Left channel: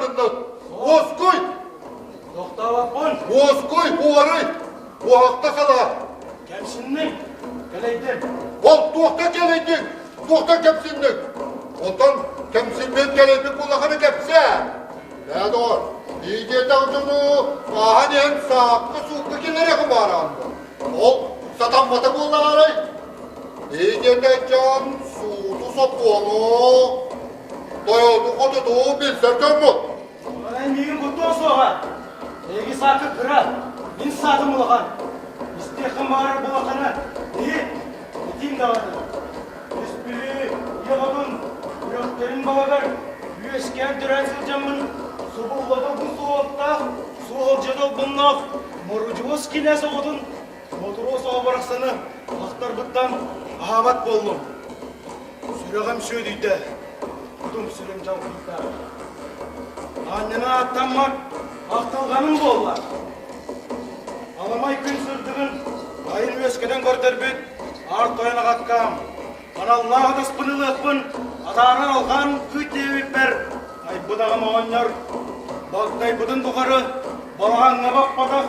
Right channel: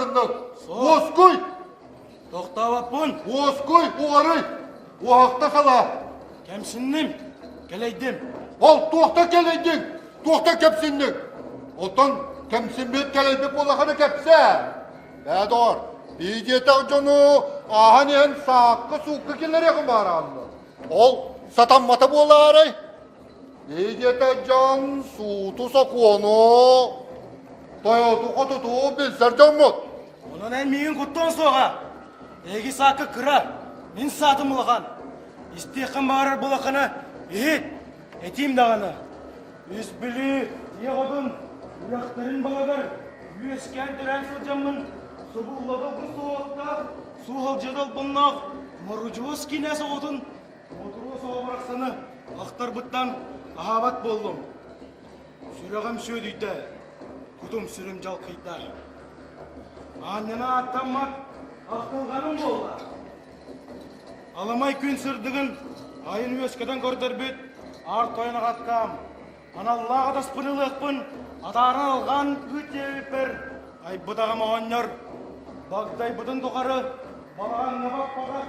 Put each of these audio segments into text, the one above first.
ardından. Oskoy. Toktavapın. Oskoy bu arayı. Bu hakta sala. Kemsindim. Geleydim. Ol tohta geleydik. Tohta kepsindik. Ondan kemsindim geleydik bulakını kepse. Ne doğru. Liye tavcunu ahani hem saklı suklu gelerek varandı. Ol satan mata bolla arayı. Liye de can sutu sopunu. Bayotu kodudu bilserden mi? Bunların büyüğün kutlu olsun oğa. Egi sakı kıra. Min satım ulağan. İstiyakın bağırır bulakını. İyi. Eteyim dağını. Üsbülü. Yağın. Bırakların bağırır. Yüesken tören sılcamın. Subuğladı bu soğukta. Suğulcadı bunlak. Morucuvuz kine soğudun. Motoru soğa bıraksını. Akhtar bıttan. Ahabat boldum. Sürağım söyleydi. Kudum sürüm çalkıydı. Anneme attanmak. Aktılganın bollar. Alamay gün sırdığın. Ayın öskeden gördür büt. Art oyana katkam. Bana Allah'a da spınılıkpın. Atarına algan küt devipler. Ay budağım oğanlar. Baltay budun tukarı. Balağanına bakmadak.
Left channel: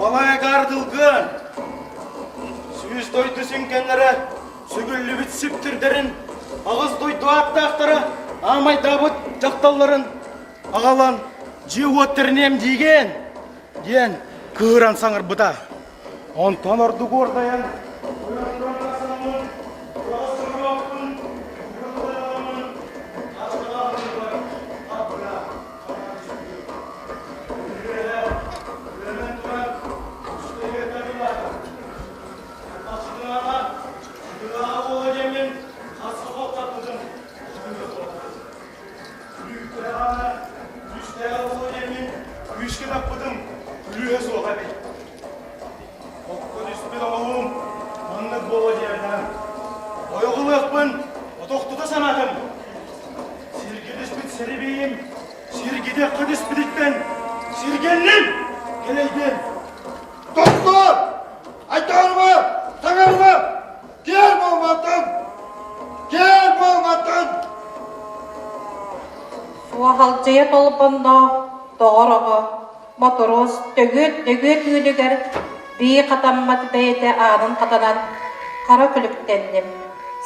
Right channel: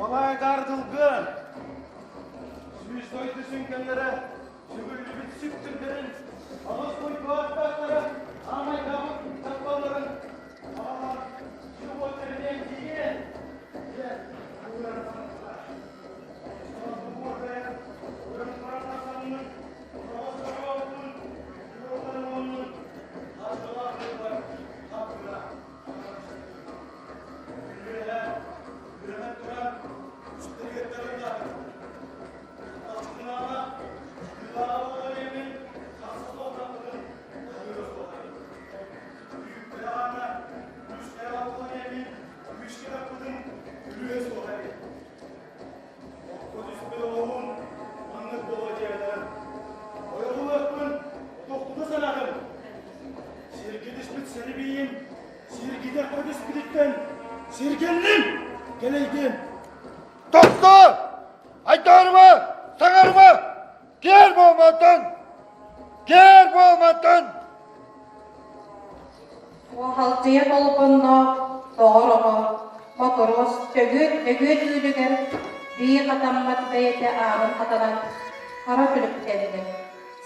Balaya gardılgın. Süyüz doydu sünkenlere. Sügüllü bit süptür derin. Ağız doydu attı aktara. Amay dabıt jaktalların. Ağalan. Jihuatterinem digen. Diyen. Kıhıran sanır bıda. Ontan ordu gordayan. Doktor! Aydanma! Sanarma! Gel olmadan! Gel olmadan! Suahalcıya tolupanda doğruğa motoros dögüt üylüger bir katammat beyde anın katanan kara külüktendim.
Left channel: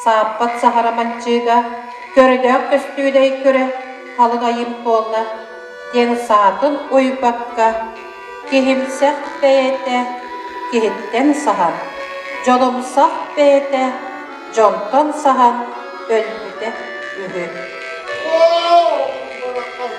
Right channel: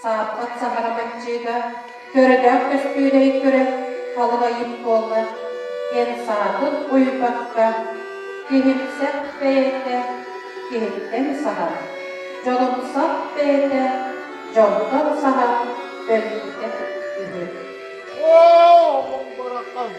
Saappat saharamançıga görüdök üstüydey göre kalıgayım bolla. Yeni saatın uybakka kihimsek beyde kihitten sahan. Jolumsak beyde joldan sahan ölüde ühü. Oh! Barakam!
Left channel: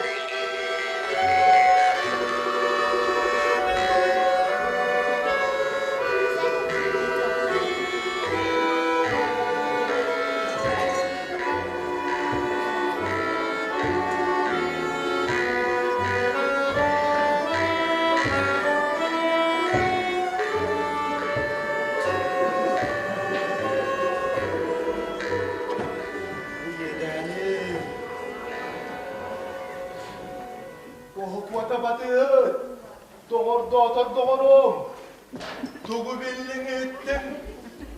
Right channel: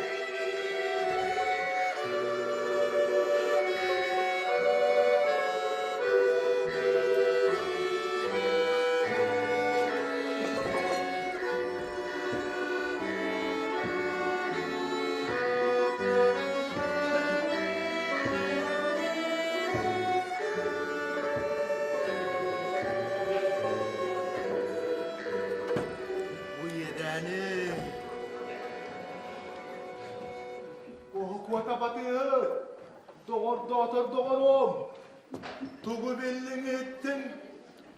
Dugu bildin ettin,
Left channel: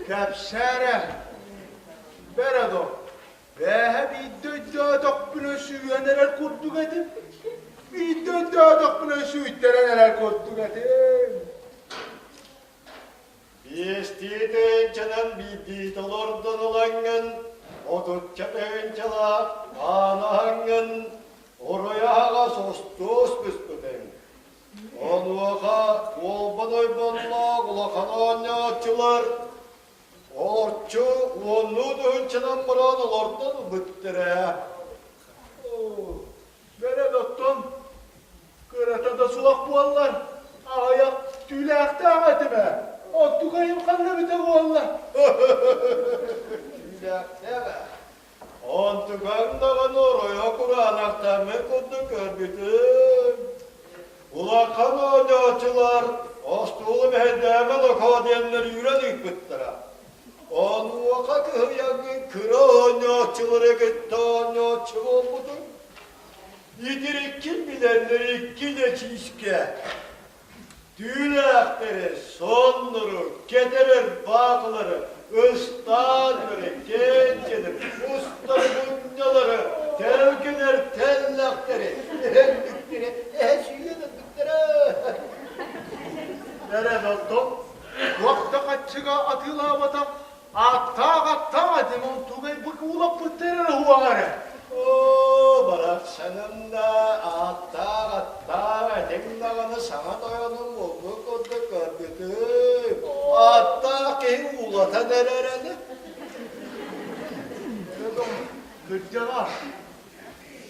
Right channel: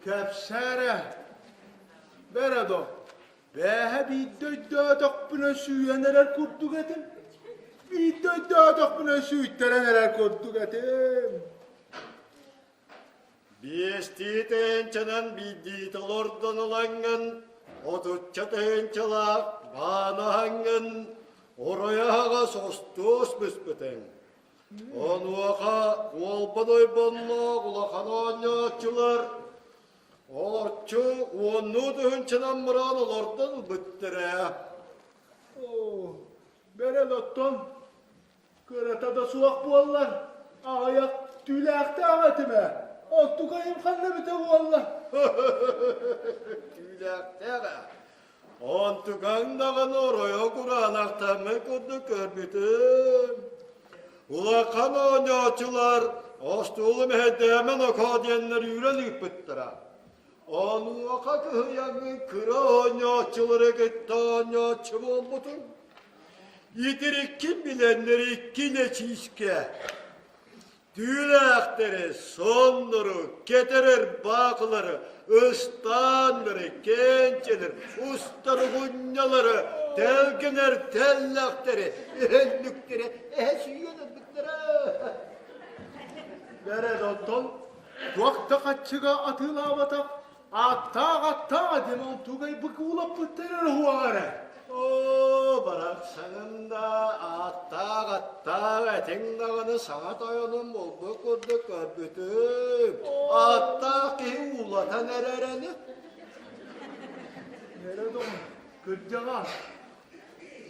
kapsara. Berado, bir dödök bile süye neler kurttuk edin. Bir dödök bile süyütlere neler kurttuk edin. Biestiden çenen bidi dolordan olanın, otutça tencala banahangın, oraya haga sostos büspüden. Onluğa olbanoy bonla kulakanoğanyaçılar, orçu onu dönçenen buran olordan büttüre. Beredotton, kıratada suak buallar, ayak tüylekte ahmetime. Ottukayım kanına bite buallar. Tüylekte be. Ontukan oraya kuranaktan kutu körbüdüm. Ulakan oynayıcılar, ostulu bir hedemen o kadiyenleri yüredik bittira. Onu vakat hıyanın kıra oynayıcıları gitti oynayıcı olmadı. Yedirik kim bilenleri gile çişke. Düğünakları, sonları, kederler, bağları, ıstanları, gençleri, ustalı bunyaları, tevkiler, tellakları,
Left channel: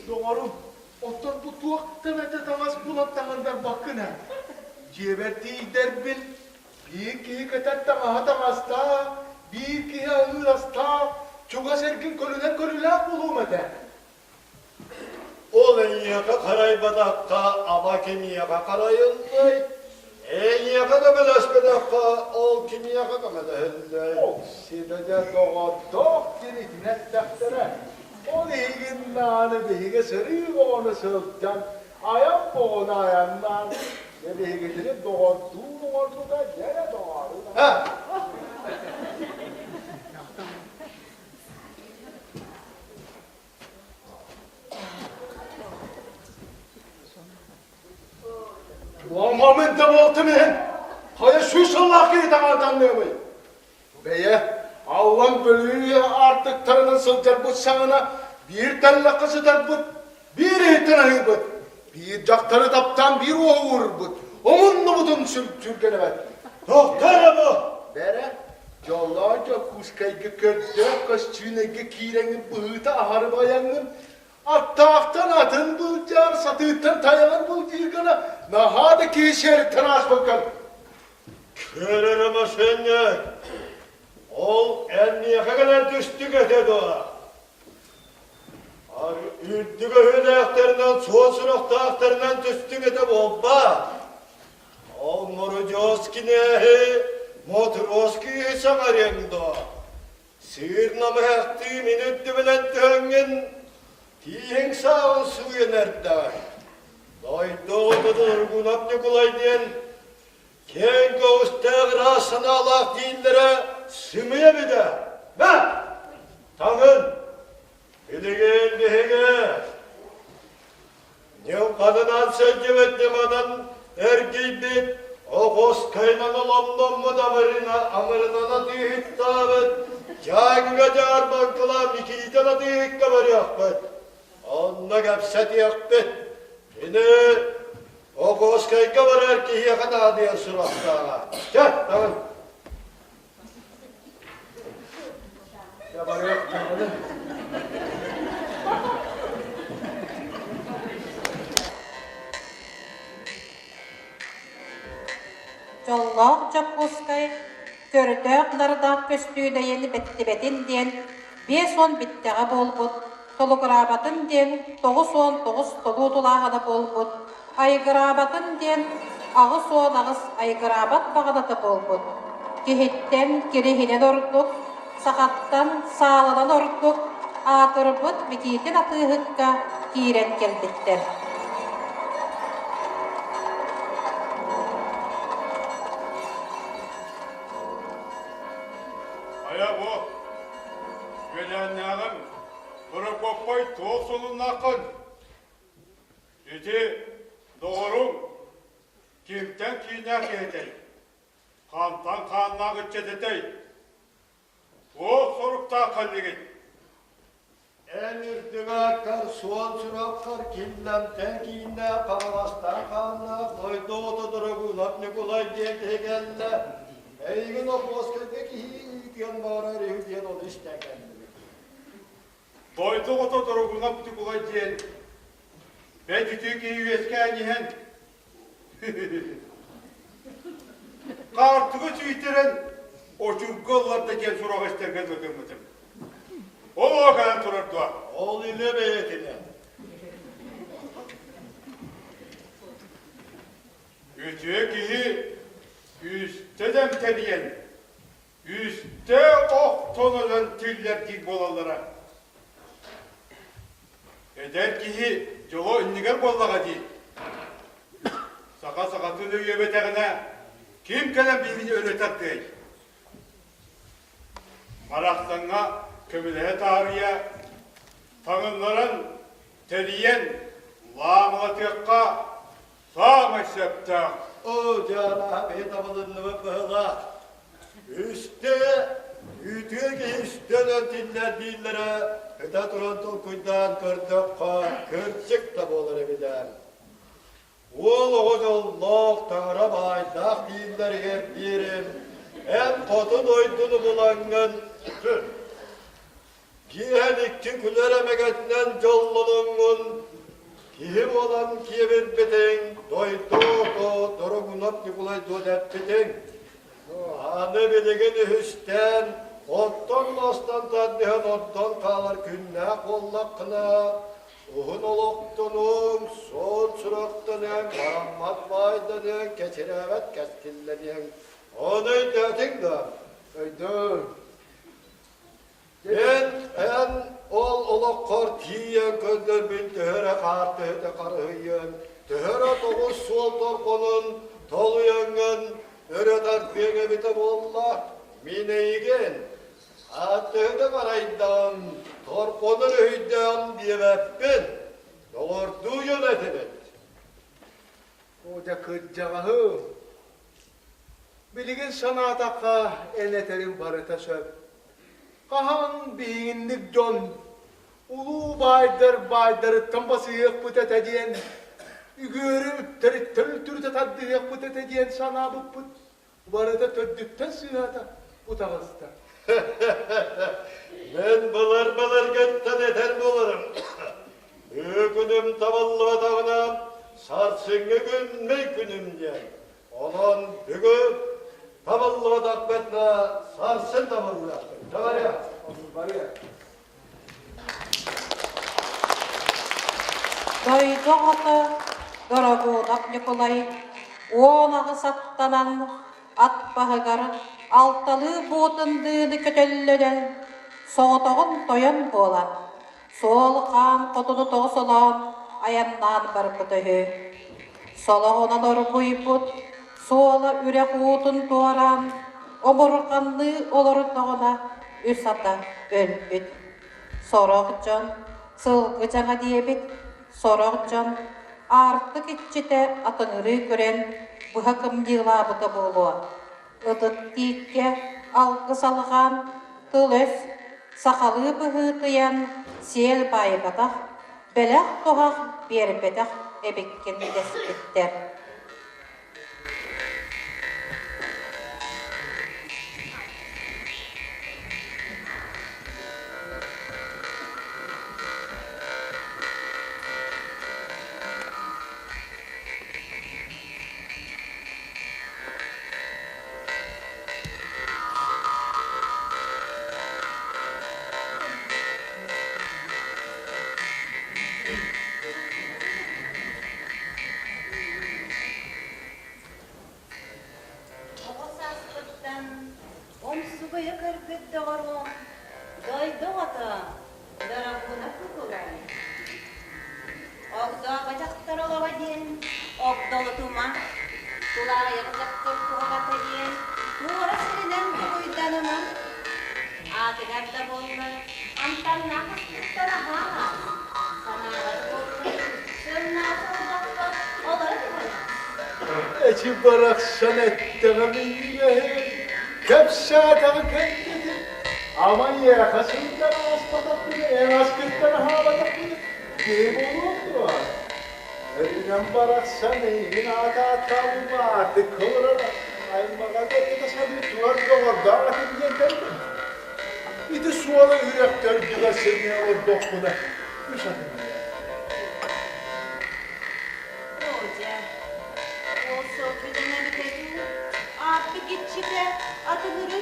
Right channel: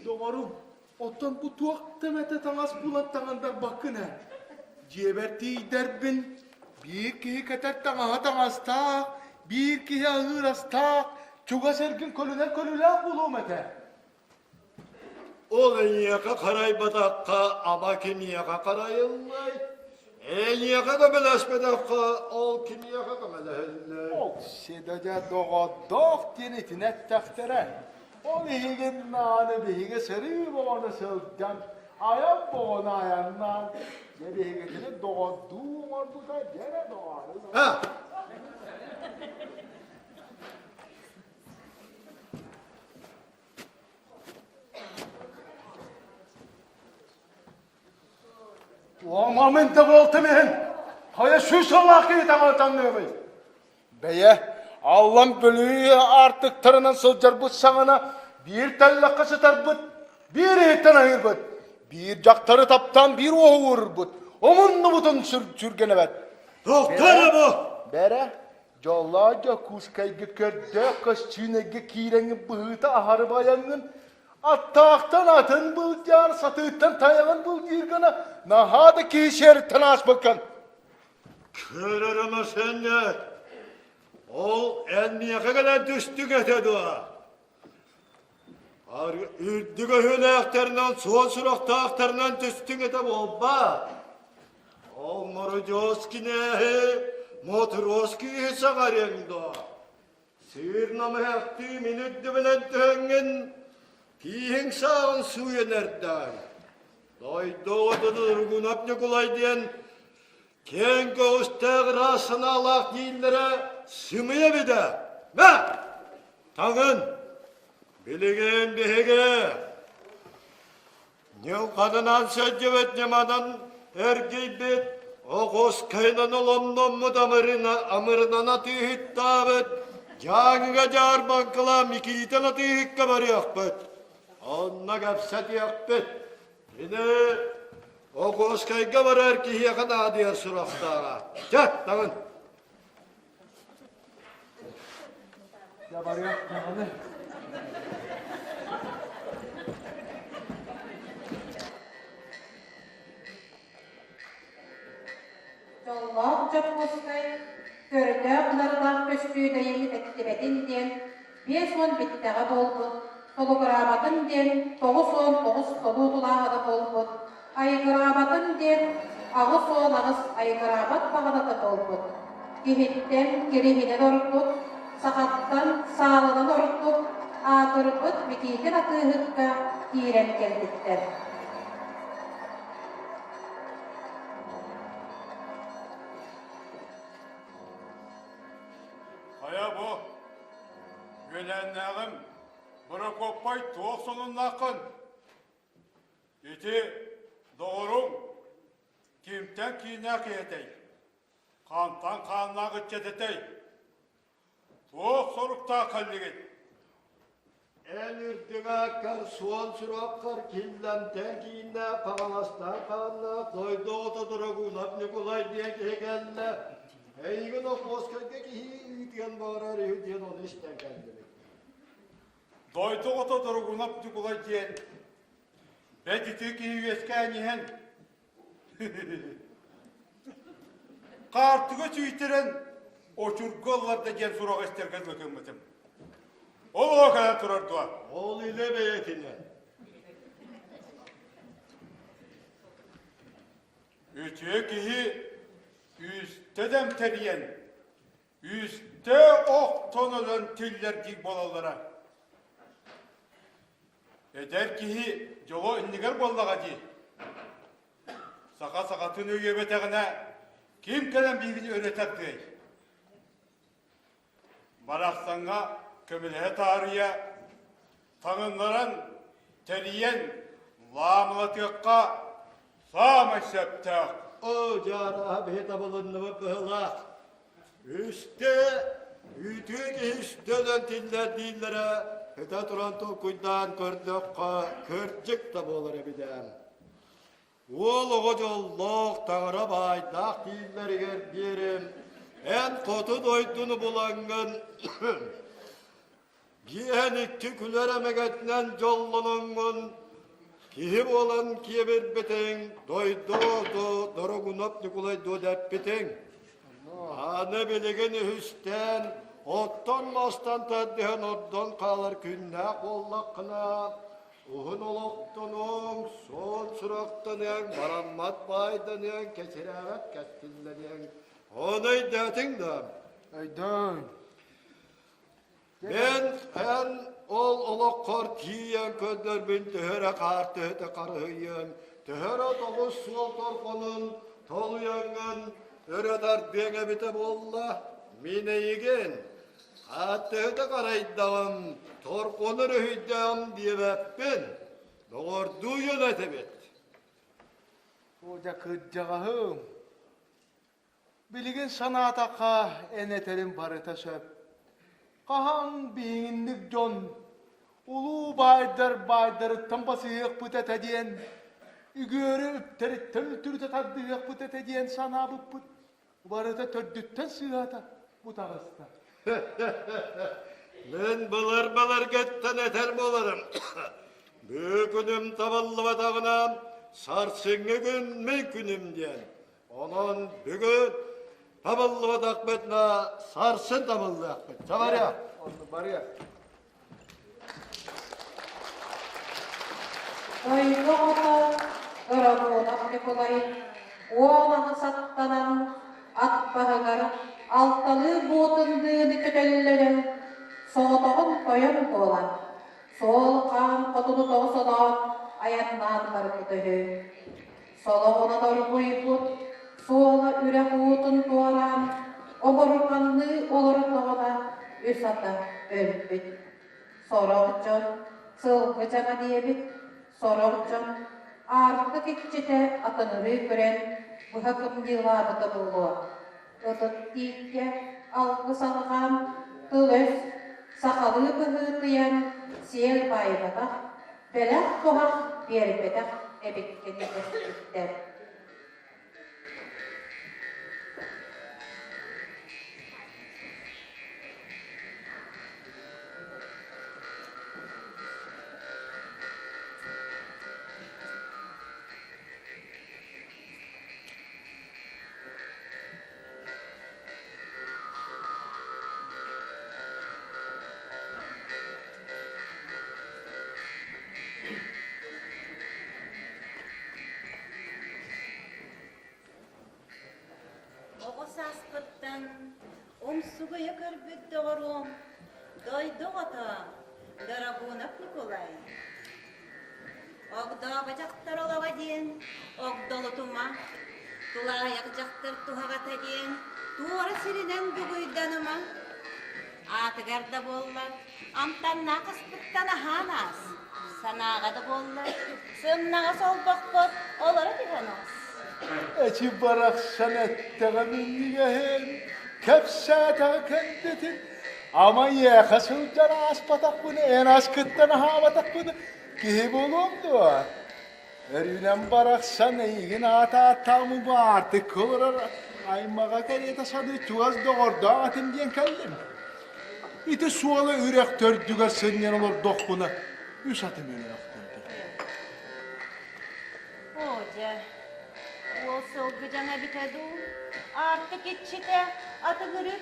Doğru. Otan bu tuğak demede tamaz bulattanında bakın ha. Cebeti derbin. Bir ki katet tamaz ta. Bir ki ağıras ta. Çuva serkin kolüne bulumede. Olan yaka karaymadakka ama kimi yaka karayıllay. En yaka da belaskedakka ol kimi yaka da belaskedakka. O sidede doğdok dirikine taktıran. O ligin dağını bilgi sırrı boğanı sırtcan. Ayak boğanı ayağından. Ne bilgileri doğdu da gene doğardı. Ha! Muhammed de boltu mi? Haya şu sonlaki damardan ne? Beye, Allah'ın bölüğü artık tarının sılcar bu sağına bir tane kızı da bu, bir ihtiranı bu, bir daktarı taptan bir oğur bu. Onun nubudun sürgene ver. Doktor bu. Bere, yollarca kuskayı kötü, kışçığına kirengi bığıda ahar bayanın, Attağıktan atın bul yar, satığıktan tayanın bul girgana. Nahadi ki işer tıraş bakın. Körer ama senler. Ol enniye kadar düştü getirdi o. Üddü göhüne aktarından, soğuk surak dağıktarından düştü getirdi olba. Ol morucoski nehi, motorvoski samar yanında. Sığır namı hekti minüddü bilen tühengin. Kiyen sağın suyu nereden? Doğdudur gunaplı kolay diyen, ken göğüste grasına Allah değillere sümüye bir de. Ne? Tanın, bilegen bihege. Ne kadına secdevet cemadan erkeği bit, o koz kaynan London mu damarına amırına tühit davet, cağına car bakılam iki itana tühit kabar yakbet. Onunla kapsat yakbet. Şimdi o koskayga var erkeğe kadar diye surakta. Çak, tamam. Ya var yok. Jolloq jokkuskay, gördöök narıdak köstüğüde yeni betin diyen, 5-10 bitteğe bolbut, Tolugırabatın diyen, 9-10-9 tolutulağıda bolbut, aygırabatın diyen, ağız-ağız aygırabat bağıda da bolbut. Gihitten girihine doruttuk, sakattan sağladan doruttuk, ağırбыт mikitin atığıkka giret geldikler. Aya bu, gölenleğim, Prokopay toğsunun nakın. İti, doğru, kimden kiynek edey, kantan kanına gıçedetey. Bu sorukta kıldıgın. En üstüme akar, sol suraklar, kimden kiyine, kalastan kanına, koydu odadır kulak ne kolay diye tegenle. Eygin o postadaki hüyüken bağırar, hüyüken onu işte kendini. Doydu oto duruguna bu bulay diyen. Ben tükü ki yüzken yiyen. Kartımı tüytüren, o çürgollarda gel sorak isterken bakırmadım. O kadar durardı. Ol ile beyetine. Üçü ki üstten teriyen, üstte ok tonulan tüller ki bolalara. Eder ki yola ünlüger bollağa değil. Saka tüdüğü beterine kim kalem birini öğreter değil. Marahtanga kömülehe tarihe, tanınların teriyen, lağla tekka, sağ meksepte. O cana betabılınlığı kıhla. Üstte, üstüden dillere, öte duran tokuydan kırcık da bolar bilen. Ol oğul tanrımay, tak dilleri gerdirim, et kodu doydunu bulangın. Kiyen iki küleremegetinden jollolungun, kim olan kiyebet beten, doydu dorogunap tıkulay dodet beten. Anı biligini hüsten, ottan mastan taddihan ottan kalır günne kollakına. Uhun oluktunun, sol çıraktının, rahmat vaydının, keçirevet keskillenin. Onu dedin da. Öydür. Ben ol oluklar kiyen gözlermin tühere kartı karıyın. Tühere doğuz soldur konun, toluyangın, öredan beni bite bolla, mineygen. Atığını karaydan, torkonur hüydem diyemepin. Doğurduğu yönetimet. O da kıccağım. Bilgin sanataka eneterin barıta söp. Kahan beyinlik jon. Ulu baydır tambası yakpıt eteceğin. Ügörü töltürde taddir yakpıt eteceğin sana bıpıt. Barıta töddükten sığata bu tavasta. Ben balır getten eder bolurum. Mümkünüm tavallı dağına, sarsıngı gün ne günümce. Olan bugün tavallı dağmetme, sarsın tavallı dağmetme. Tamam ya. Doydu atı, dorogunap Nikolay, oğlağı sattanan at bahıgar, altalı buğutundığını kötellöden, soğuduğun toyun olan, sol kan kodunu toğsulan, ayandan barıpıtı hü. Sola ona doğru buyuput, sola ürek uğutun doğaran, omurkanlı olurduğuna üsata ölbüt. Sorağıcan, sılgıcana diyebit, sorağıcan, artık iççide atınırı gören bu hakım yılabıda buluğa. Idık dikke, algı salğan, tılös, sakalı bıhıtıyan, siyel baybadak, belak tuhak, berbedak, ebekkin desbetler. Eci barak sanetteğe bilgiye kepsadağı kendisi. Aman yakasından aspatak bunu, en askıttan havadak bunu. Kim olurdu? Elinden barak saneyin ata mübati kıvırır. Ay mağada da sadı tuvaz doğurdu atın diye kendim. İti suala yürek törgüler senin olur dokuda. Müsaadenle. Artık içinde adını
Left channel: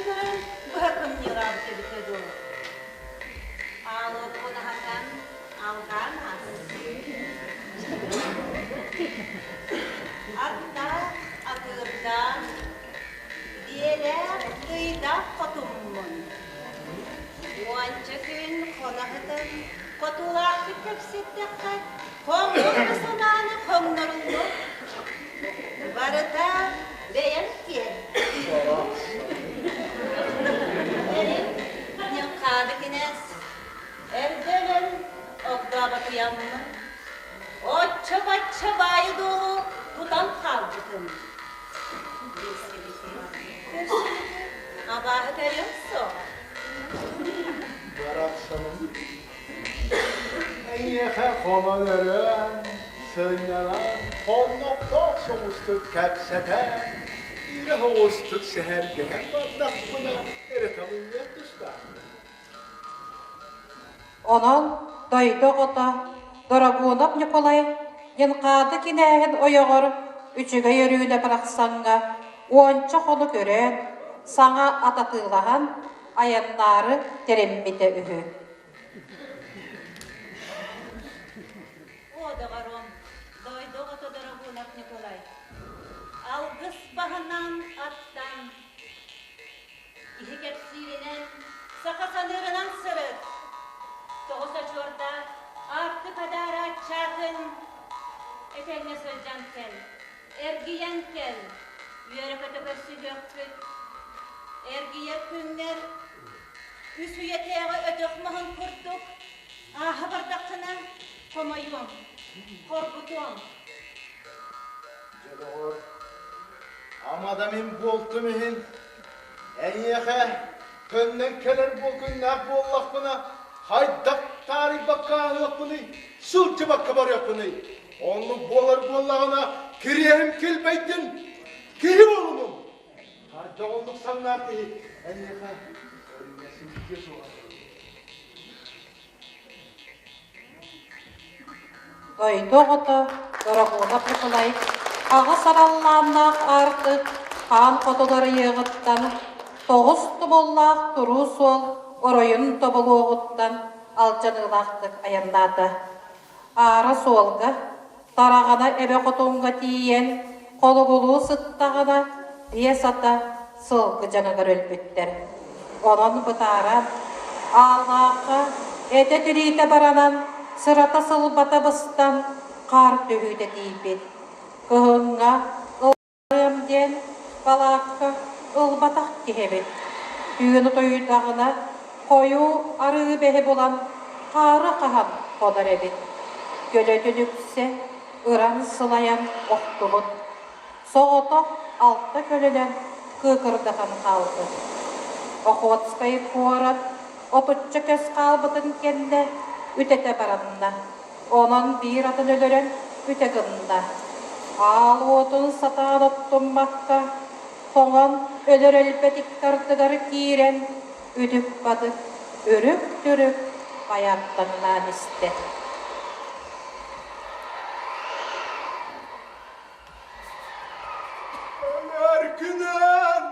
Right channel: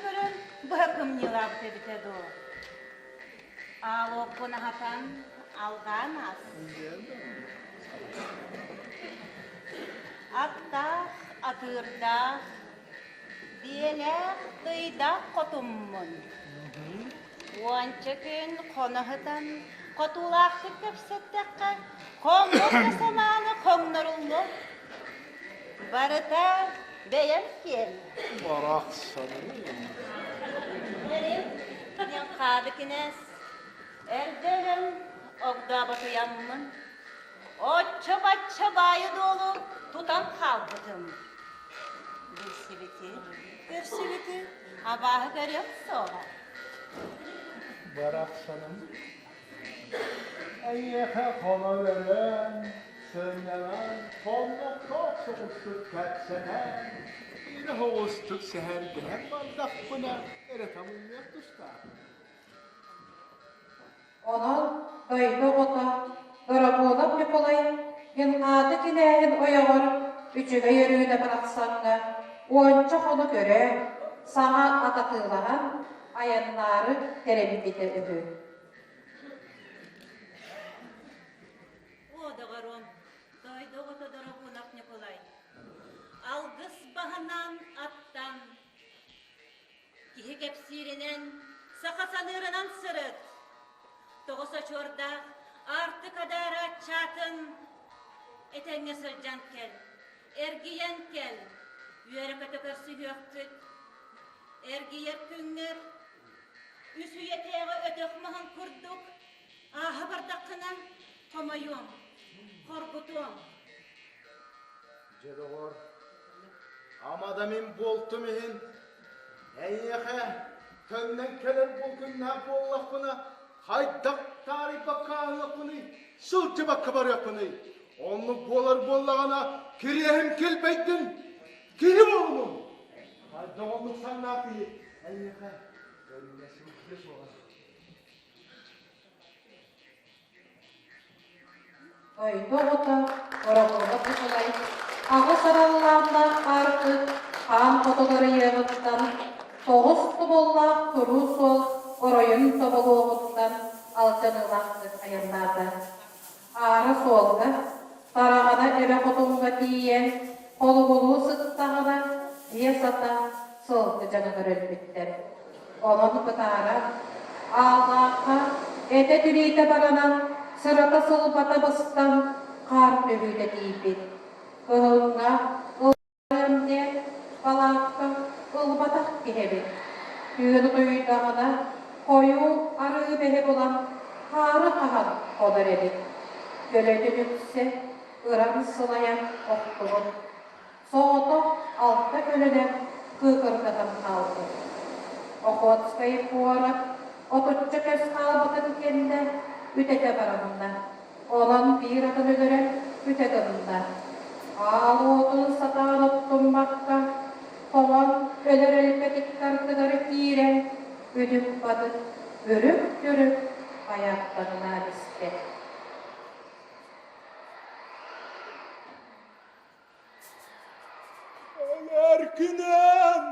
bırakın yılan dedi. Ağlı bunu hatan aldan hatta adırdan diyeler kıyda kotumun. Bu anca gün konahıdan kotulardı tepsikten konduğunu sonanı konduğunu varıda beğen ki benim kadıkines evdelen okda bakıyanmın Otça bayı dolu tutan kaldım. Görsünü habahı derim so. Barak sanım. Eyyeke konuların sığınanan kollukta soğustuk kepsete. İle hoğustuk seher gelen batak buna. Eretamın yapmışlar. Onun doydu ota, Dorogunov Nikolay, yılqadı kinähin oyoğor, üçüge yürüyüne bıraksanna, onça onu göre, sana atatığlahan ayanları terembite ühü. O da var on. Doydu oto Dorogunov Nikolay. Algıs bahanan attan. Kihi kepsirinen, sakasanırınan sırıt. Toğusa çorda, artık adara çatın. Etenge sılcan kel, ergiyen kel. Yörü kötü gökbüt. Ergiye künger, üsü yeteğe ötökmağın kurduk. Ahı bardakına komayum, korkutum. Celoğur, ama da min boltum ihin, enyehe, können keler bu gün ne bollak buna, haydak tarih bakka yok bunu, sılçı bakka var yok bunu. Onu bolar bollağına, kiriyem kilbeytin, kiri oğlum. Haydak oğlum sanlar değil, enyehe, ölmesin göz olan. Doydu ota, Dorogunov Nikolay, ağı sarallanna artık, kan fotoları yığıttan, toğuz tubullaq turu sol, oroyun tobuluğuttan, alcanılaqtık ayannada. Ağrı solga, darağana ebe xotunga tiyen, kolugulu sıttağına, diye sata, sılgı canıgar ölbütter. Onun bıtara, ağlaqa, ete dirite baranan, sırata sılbata bıstan, kar dövüde deyip. Kıhınga, ılbarım den, balakka, ılbatak gehebet. Düğünü doydağına, koyu arı behe bulan, karı kahan konar edin. Göle dönükse, ıran sılayan oktuğun. Soğutu altta gölüden kıkırgatan kaldı. Okhotskayı kuarat, otutça köz kalbıdın kende, ütete baranına. Onun bir adını gören ütegında. Ağlı otun satağın ottun bakka, toğan ölür ölpetik kartıgarı kiren, üdük badı, örük dürük, ayaklarından iste. Erkinem,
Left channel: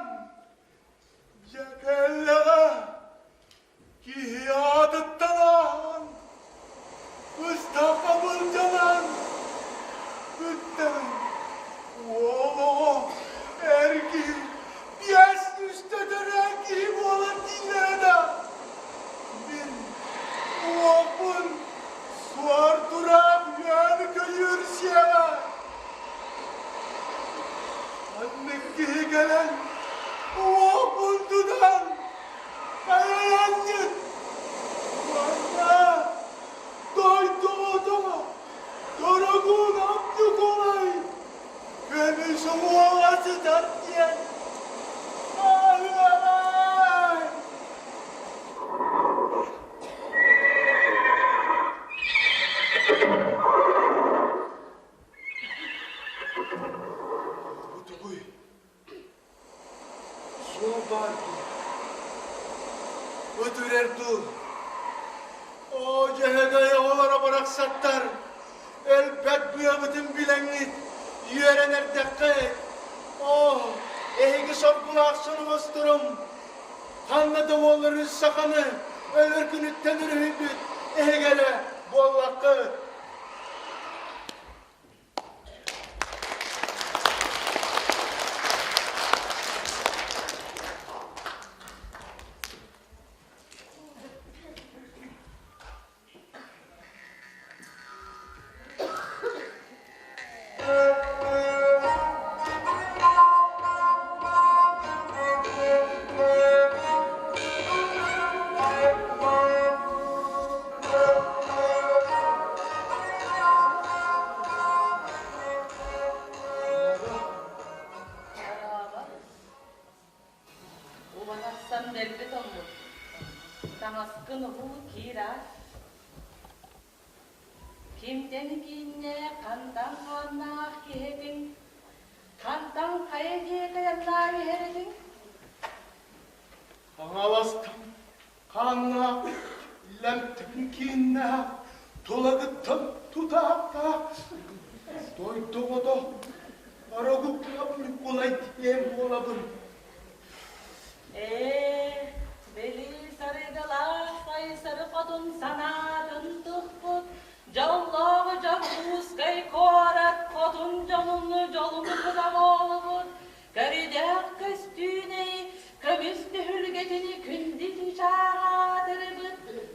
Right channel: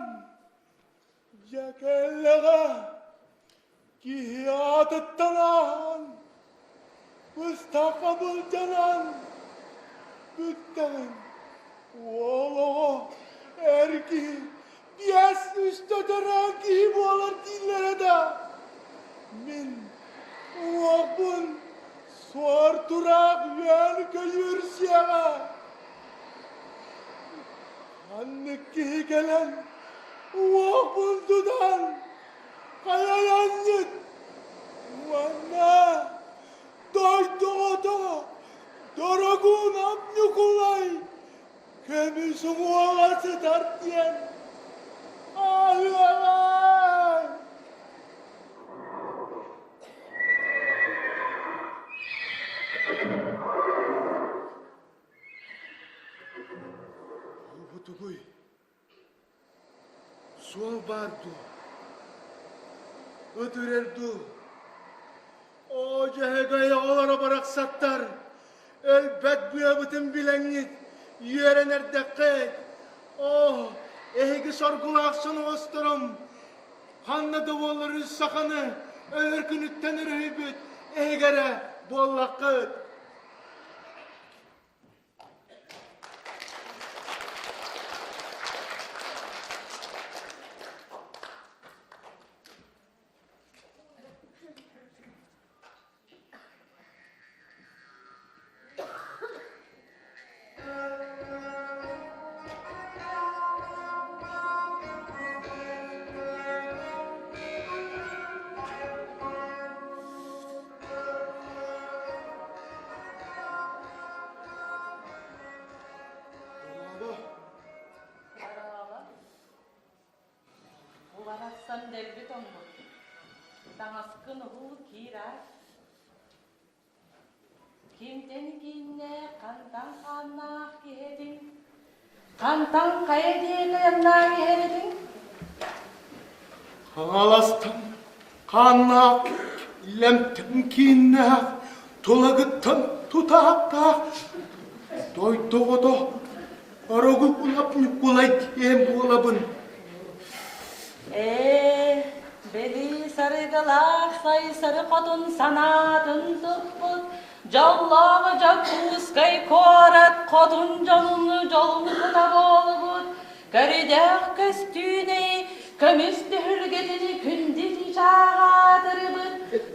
yakelleğe, kihiyadıttanan, Mustafa Bulcanan, Gütten, oğlu, erki, diyes üstedere gibi olur dinlerde. Min, oğun, suar durak, yönü yürüsiyeme. Anneki gelen o bundudan kayayandı. Bana doydu odama. Doroguna Nikolay. Kendisi muğlası tatlıya. Ağlamay. Tukuy. Su bardu. Ötürerdu. O cenegaya olara bıraksatlar. Elbet büyübüdün bilenit. Yörener dekket. Oh, ehigi sorgulaksın osturum. Handa da olur üst sakanı. Ölürkün üttenir hümbüt. Ehigere bollakı. Ulanatsan belli tomu. Tanastın bu kiraş. Kimden binne kandan kanna kiredin. Kandan kaya diye yandan heredin. Ağlastam, kanla Lem temkinne tolagıttan tutahapta doydoğda arogı kulap nükulay diyem olabın. Beli sarıgılar say sarı kodun sanadın tıppıt. Jallağı jakkus kay korat kodun canını jolunu kuda bolubut. Karidağ köstüne kömüstü hürgetini künditi çağatırıbıt.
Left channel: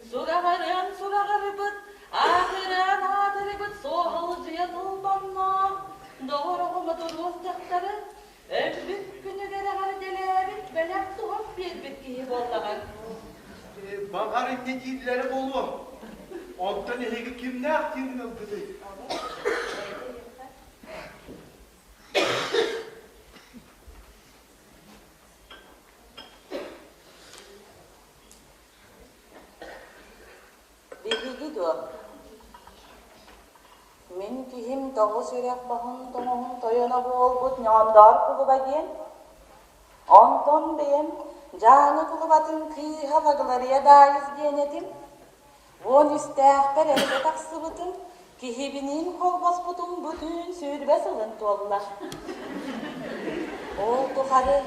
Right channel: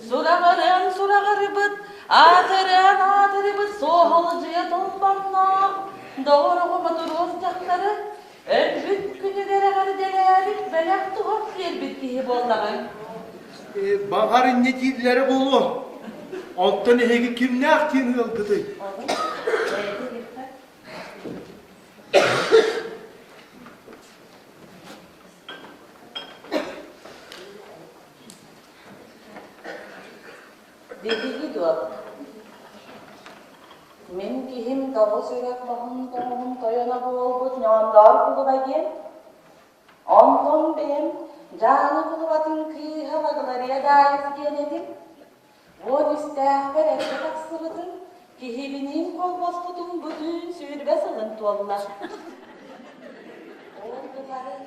Surağırıbıt, atırıbıt, soğalıcıya dolbanlar. Doğruğuma durur cakları, öpüt günügere gardelerip, belak tuhaf bir kihi bollağın. Bağarın netilleri bolu. Ondan hegi kim ne aktin yıldıdı? Men kihim dağı sürek bahın toğun toyana bolbut ñandar kulubagen. Onton benim canı kulubatın kıyır halagılarıya dayız genedim. On üstahber elde taksırıdım. Kihibinin kolbas budum bütün sürbe sılın tolla. Oldu karı,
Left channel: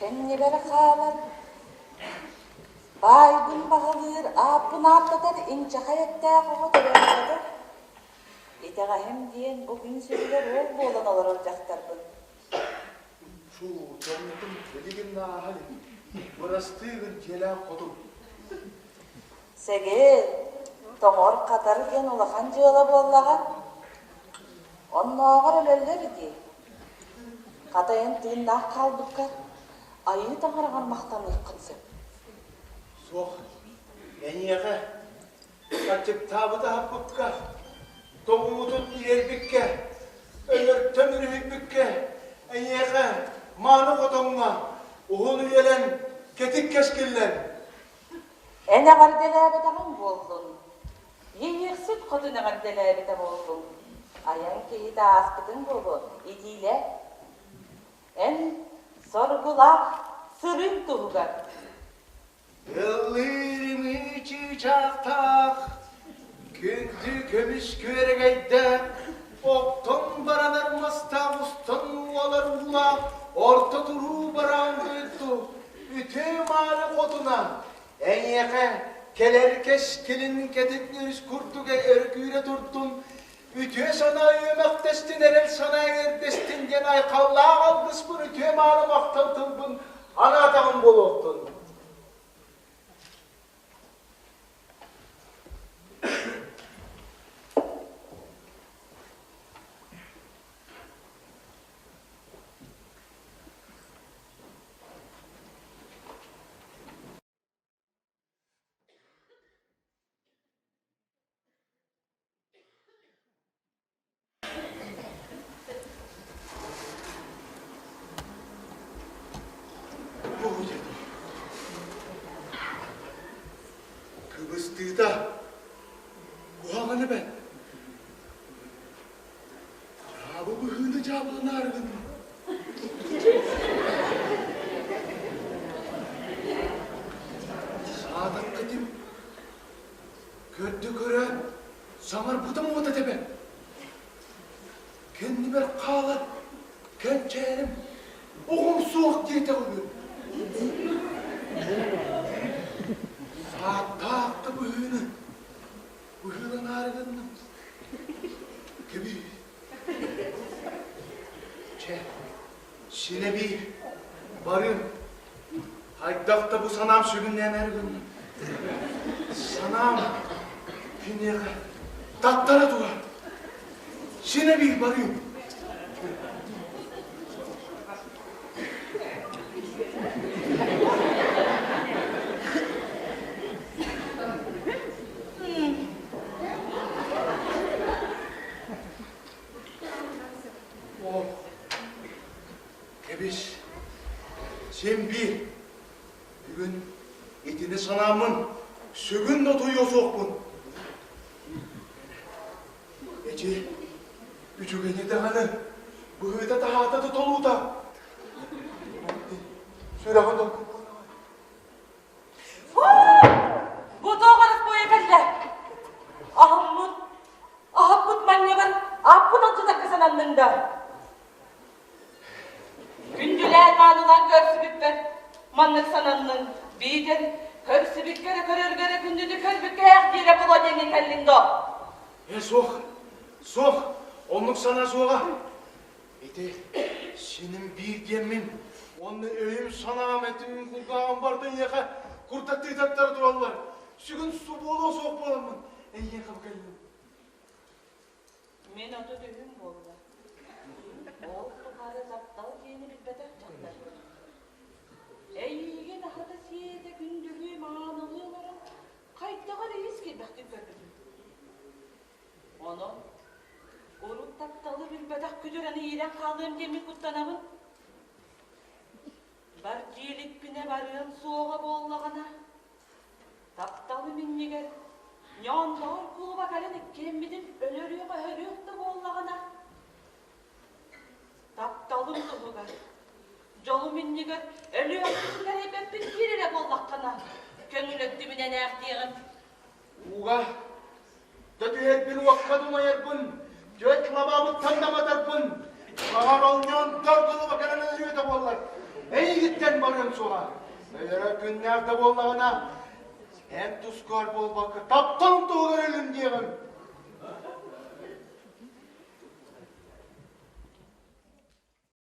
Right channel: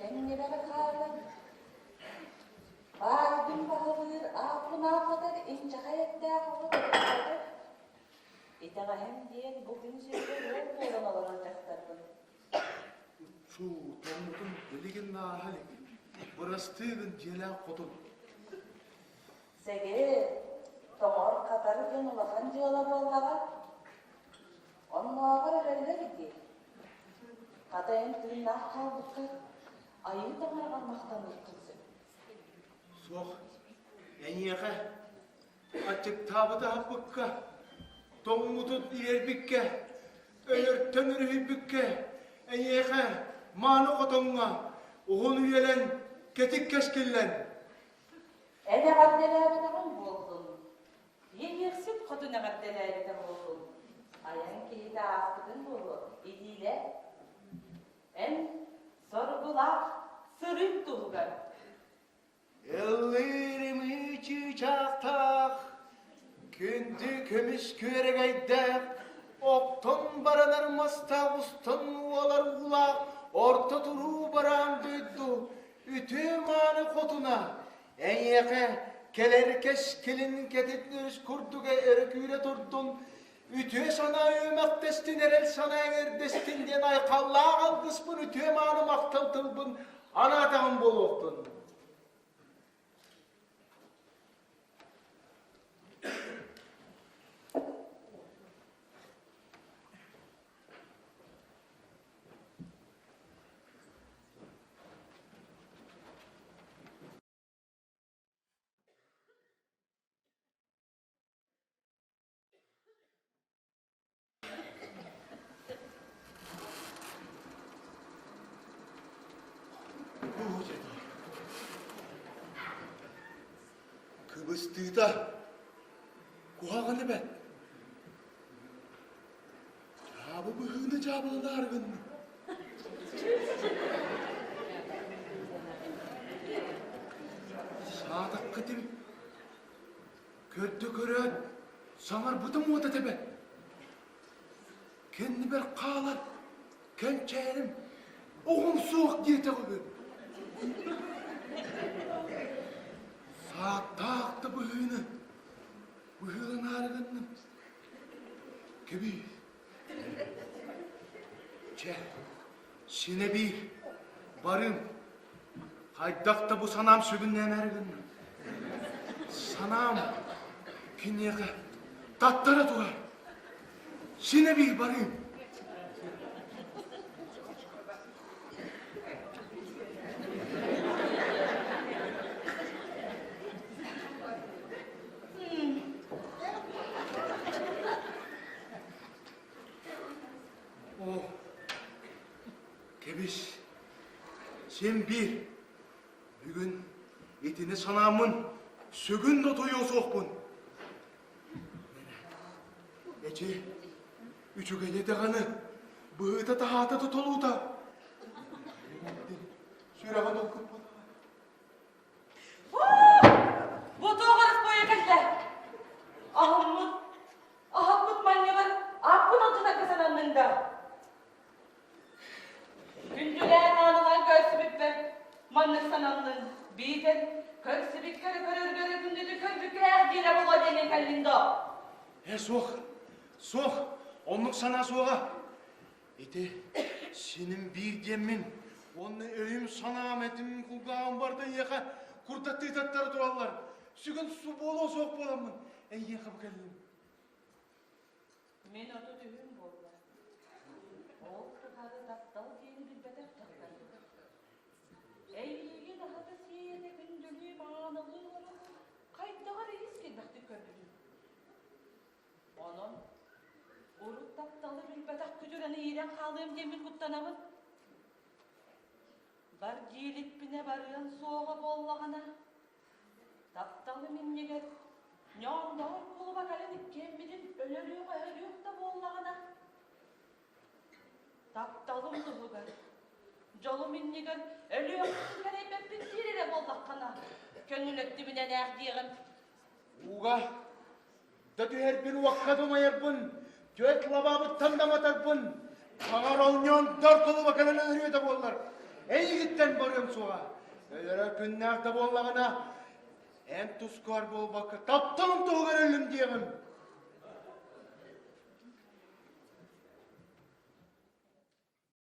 kenne beri kalar. Baygın bağılır, apın atlatar, ince hayatta koğa döverler. İtağayım diyen bugün sürüler ol boğulan olur olacaktır. Şu canlıkın geligin nahali. Burası tığın cela kodum. Segel, tomor katarken ulakan jığıla bollağa. Onnağa ölöller idi. Katayan tığındak kaldıkka, ayı tamarağın maqtan ıkkınsın. Soğuk, en yağı, açık tabıda hapıpka, doğumudun yerbikke, ölür tömürü hübbükke, en yağı, mağını kodumla, uğunu yelen, ketik keskiller. Ene gardeler tamam boldun. Yeyersip koduna gardeler de boldun. Ayan keyi de askıdın bolu, idiyle. En sorgula, sırın tuğga. Yıllarımı içi çaktak, küntü kömüş küregeyde, oktun baralar mustavustun olarla, orta duru barangıydı, bütün mağara koduna, en yakın, keler keşkilin kedikleri kurtuğa örgüyle durdun, bütün sana yemek destin, erel sana yer destin, yenay kallağa kalkış bu bütün mağara maktatıldın, ana adamın bol oldun. Kıbrıs'ta kuhamını ben. Karabı bu hılı cevabını argın. Sadık kıdım. Kötü göre samar buda mı oda tebe? Kendime kağla, kençerim, oğum soğuk diye takılıyor. Dağıttı bu hığını. Bu hığının harikasını. Gibi. Şine bir varım. Haydakta bu sanam sürgünleyen ergin. Sanam künye tatlara duvar. Şine bir varım. Sen bir, bugün itini sanamın sügün notuyu sokun. Eci, üçügeni de hanı, bu hıda daha da tutulu da. Süraha dokun. Bu doğru sanandın da. Gündüler manılan görsübük ver. Manlık sanandın. Biden körsübük göre gündüdü körbük ayak dire bula denin elinde. Soğuk. Onun sana soğuğa. Edi, senin bir gemin, onu öyüm sana Ahmet'in kulağın vardın yaka, kurda tıydatlar duvarlar. Sugün su bolu soğuk bolamın. Ey yakıp geldim. Men otu düğün boldu. Oğul tukarı zaptalı yeni bir bedel çatlar. Eyge daha da siyede gündülüğü manalı olarak kaydağa reis bir bakti gördüm. Onu uruk taptalı bir bedak güdüreni iğren kaldığım demin kutlanamın. Bar cilik güne varın soğuğa bollağına. Taptalı minneger. Nyandar kuluba galedik kemmidin ölürüyor da bollağına. Taptalım tuhuga. Jolu minneger ölüyor kerebeppin birine bollağına. Gönül öptümüne nerdiyeğim. Buğa, tabi bir vakkadıma yapın, göt lavabı tanımadarpın. Mağar olmayan dört dolu bakanına ölüyor da bollar. Ey gitten varım soğa. Öyle günlerde bollağına. En tuzkar bol bakı, taptan tuğu ölüm diyelim.